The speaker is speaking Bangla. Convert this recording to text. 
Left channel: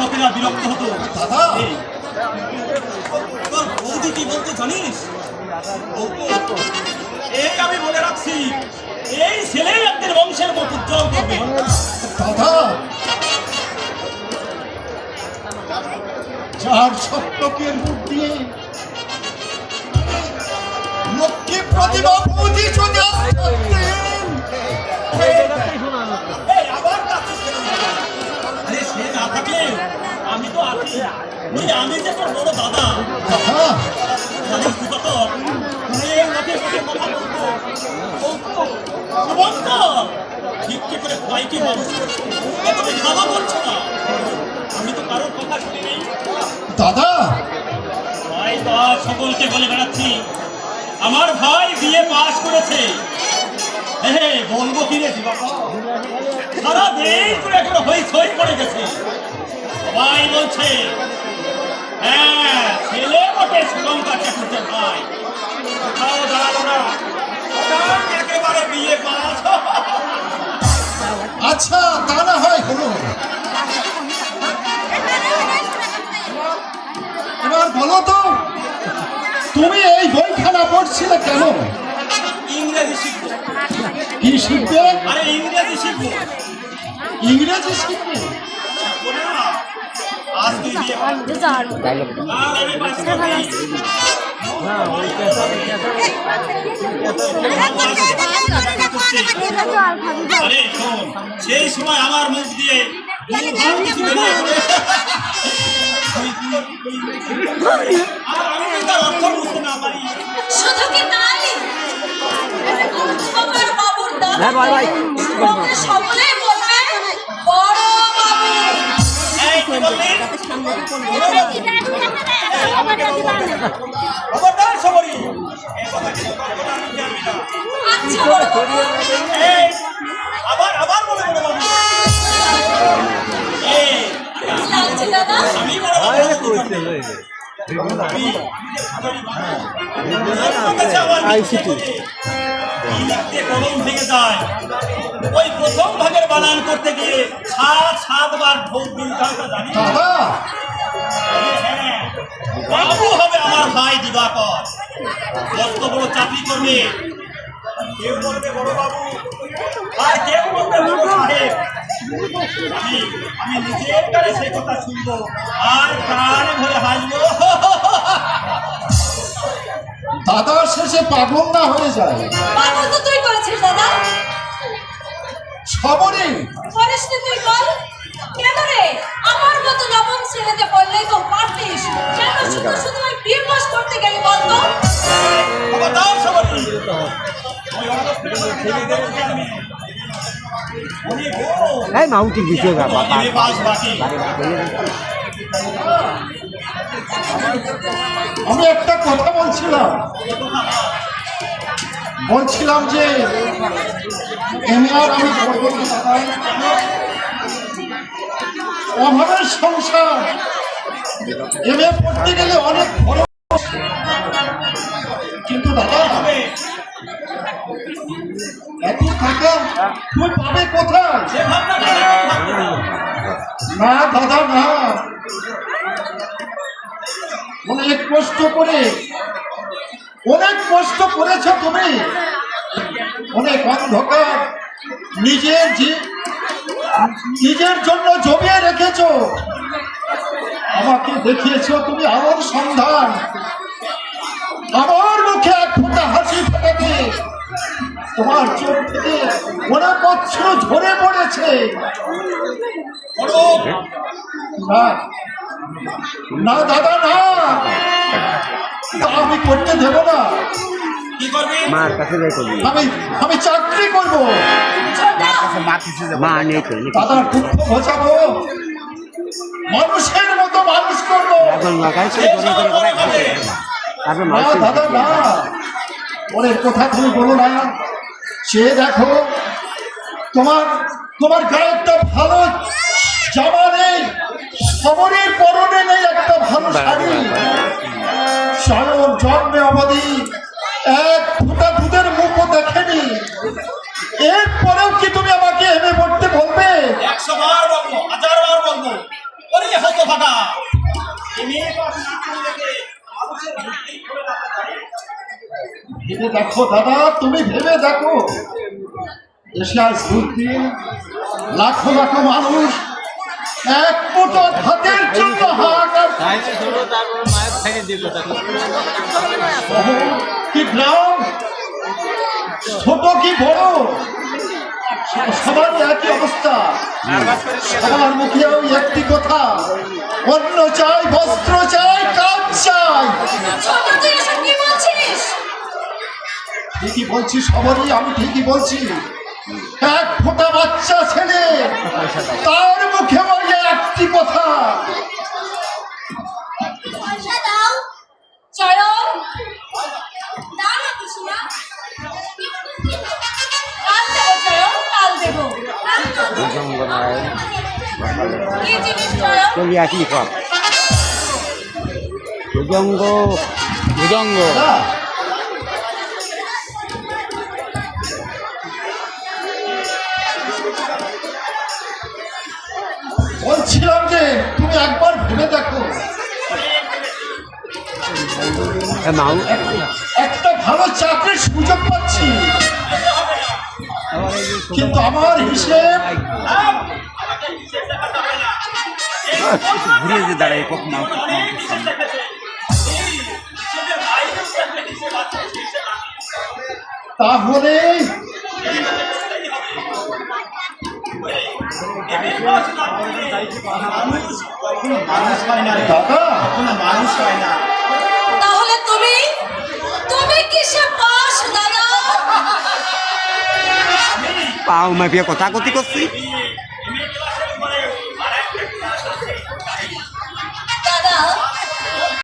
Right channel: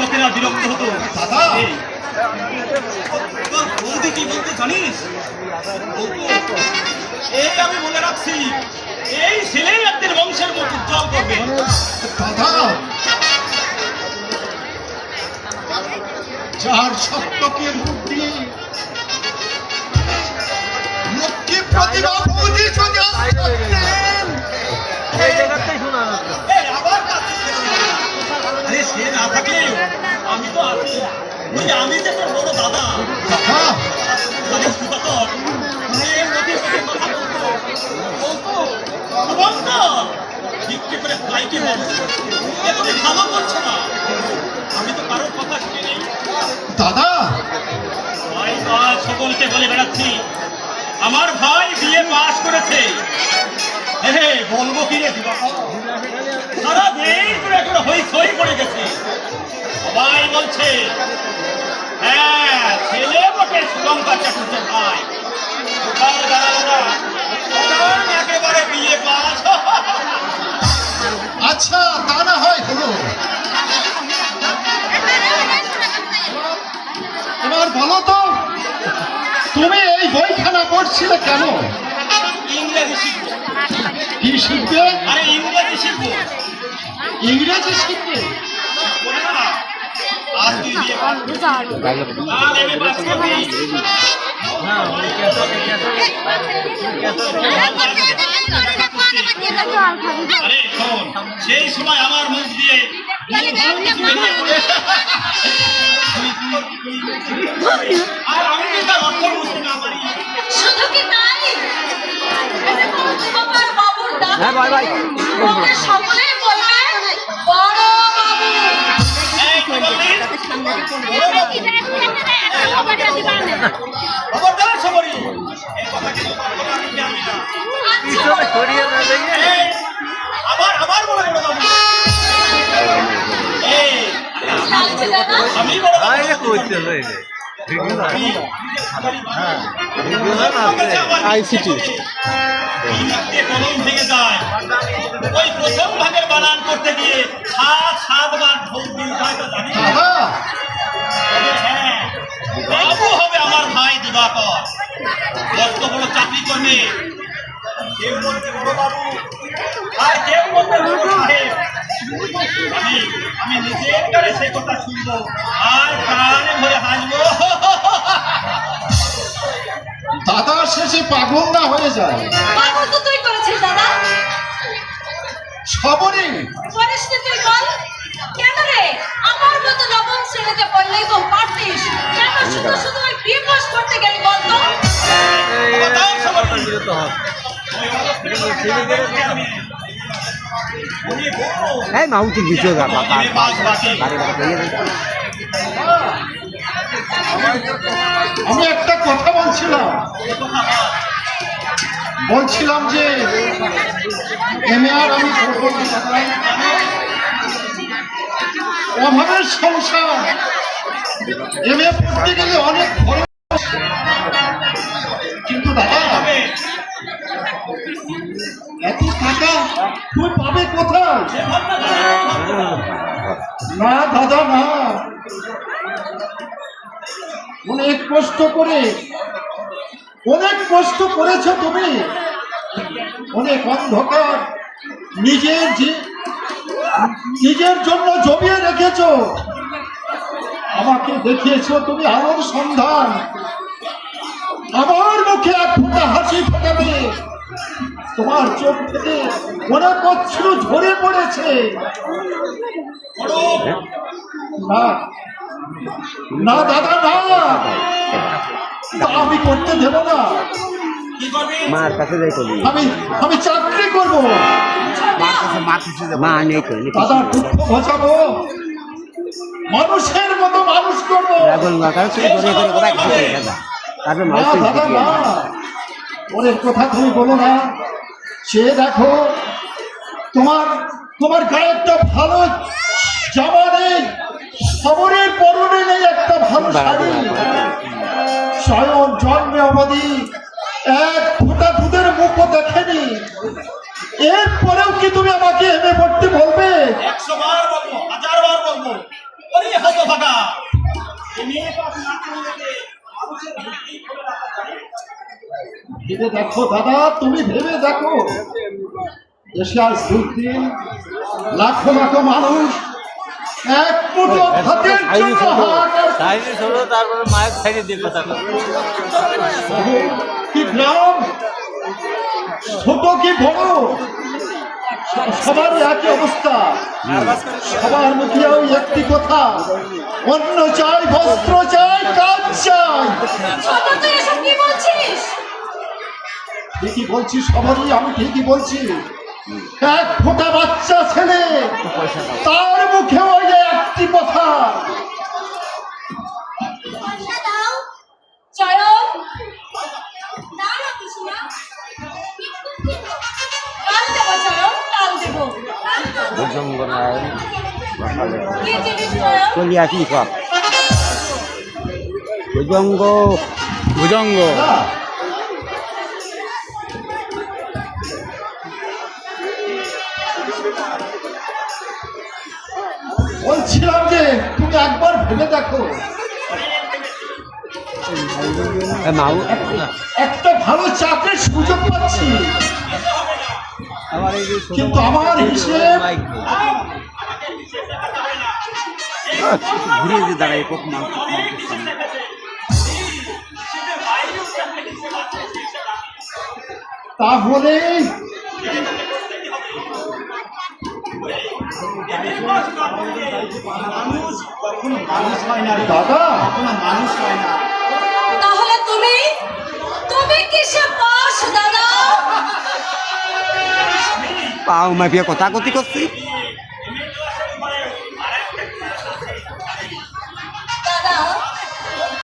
লোকেরা বিরক্ত হতো। বৌদি কি বলতে জানিস? এই আমি বলে রাখছি, এই ছেলেই আপনার বংশের মুখ উজ্জ্বল করবে। দাদা, যার সত্যকে মুখ দিয়ে লক্ষ্মী প্রতিভা বুঝি যদি সে না থাকলে আমি তো আছি। আমি যে তোর বড় দাদা, ভিক্ষে করে ভাইকে মানুষ করছো, তুমি ভালো বলছো না। আমি তো কারোর কথা শুনি নেই দাদা। ভাই বাদ সকলকে বলে বেড়াচ্ছি আমার ভাই বিয়ে পাস করেছে। বলবো কি রে, সারা দিন হই পড়ে গেছে। সবাই বলছে হ্যাঁ ছেলে বটে শ্রীলঙ্কা চাকুচের ভাই। কোথাও দাঁড়ালো না, একেবারে বিয়ে পাস। আচ্ছা, তা না হয় হলো। এবার বলো তো, তুমি এই বইখানা পড়ছিলে কেন? ইংরেজি শিখবো। কি শিখবে? আরে ইংরেজি শিখবো। ইংরেজি শিখবে? আজকে বিয়ে পাস করেছি, কাল এমএ পাস করবি। আরে শোন, সেই সময় আমার মুখ দিয়ে আর আমি কি তার অর্থ বুঝতে না পারি। শুধু কি তাই, তোমার বাবুর ডাক সকলেই বলবে বড় বাবু। এই কি বললি? বড় বাবু? খবরদার সবরি, এই কথা কিন্তু বলবো না, আমি জানি না। আচ্ছা বড় বাবু। এই, আবার বড় বড় বাবু। এই লাগছে দাদা? আমি বড় বাবু। আইসিটি কলম ভেঙে যায়। ওই প্রথম ভাগের বানান করতে গিয়ে 7বার ঢোক দিন যায় তা জানি। হ্যাঁ, বাবু হবে আমার ভাই দিবাকর, কত বড় চাকরি করবে। কেউ বলবে বড় বাবু, আর কেউ বলবে বড় সাহেব। আমি নিজের কানে সে কথা শুনবো আর কানে ভরে হাসবো। দাদা শেষে পাগল না হয়ে যায়। বাবু তো তুই করেছিস দাদা। সবরই করিস নি তুই বল? কেন রে? আমার মতো নবম শ্রেণীতে পড়লেই তো পারতিস। কেন শুধু ওই বিয়ে পাস করতে গেলি বলতো? খবরদার সবাই। এই মাউন্টেন বিষয় বাবা আমি একটা কথা বলছিলাম যে এমএ আর আমি অভাবের সংসার। এমএ পড়তে গেলে অনেক খরচ, কিন্তু দাদা এত টাকা তুই পাবে কোথায়? না দাদা না, অনেক কষ্ট করেছ তুমি, অনেক অন্ধকার নিজের জন্য জমিয়ে রেখেছ। আমাকে দেখিয়েছ তুমি আমার সন্ধান, আমার মুখে এক ফোঁটা হাসি ফোটাবে। তোমার চোখ থেকে অনেক অশ্রু ঝরে পড়েছে। না দাদা না, আমি করতে দেব না। মার কাছে যাই করি, আমি চাকরি করবো, মা নেই করি দাদা দুঃখ ঘোচাবো, মানুষের মতো মানুষ করবো। দাদা না, অনেক কথা তুমি বলো না। সে দেখো তোমার গায়ে একটা ভালো জামা নেই, খবরের পরনে নেই একটা ভালো শাড়ি। স্বয়ং জন্মে আমাদের এক ফোঁটা দুধের মুখও দেখেনি, এরপরেও কি তুমি আমাকে হেমে পড়তে বলবে? 100 বার বলবো, 1000 বার বলবো, ওরে হতভাগা, এই মেয়ে পাশ না করে রেখে মানুষের ভিত্তি করে রাখা যায়। ভেবে দেখো দাদা, তুমি ভেবে দেখো, এশিয়ার সুলতিন লাখো লাখো মানুষ এক মুঠো ভাতের জন্য হাহাকার তারপরে মায়ের সাইডে দিয়ে কথা কি গ্রাম, ছোট কি বড়, সবার একই অবস্থা। সবার মুখে ওই একটি কথা, অন্ন চাই, বস্ত্র চাই, কাজ চাই। ছোট তুই এসব কি বলছিস? ঠিকই বলছি সবারই, আমি ঠিকই বলছি। এক ফোঁটা বাচ্চা ছেলে, তার মুখে ওই যে একটি কথা। পয়সা দাও চয়ন, দাও না কুসুমা। কাল দেবো চয়ন, কাল দেবো। কি জিনিস চয়ন? চলিয়া কি কর ভুজঙ্গ ভুজঙ্গ না, বলছিলাম যে তুমি একবার ভেবে দেখো, মাউ একটা ভালো চাকরির সুযোগ পাচ্ছি, কিন্তু আমার হিসেব ঘুরে যে দাঁড়ায় কখন তাহলে দাদা, তাহলে তুমি তুমি কিসে পাস দাদা? পাও মাফিয়া কথা কথি করছি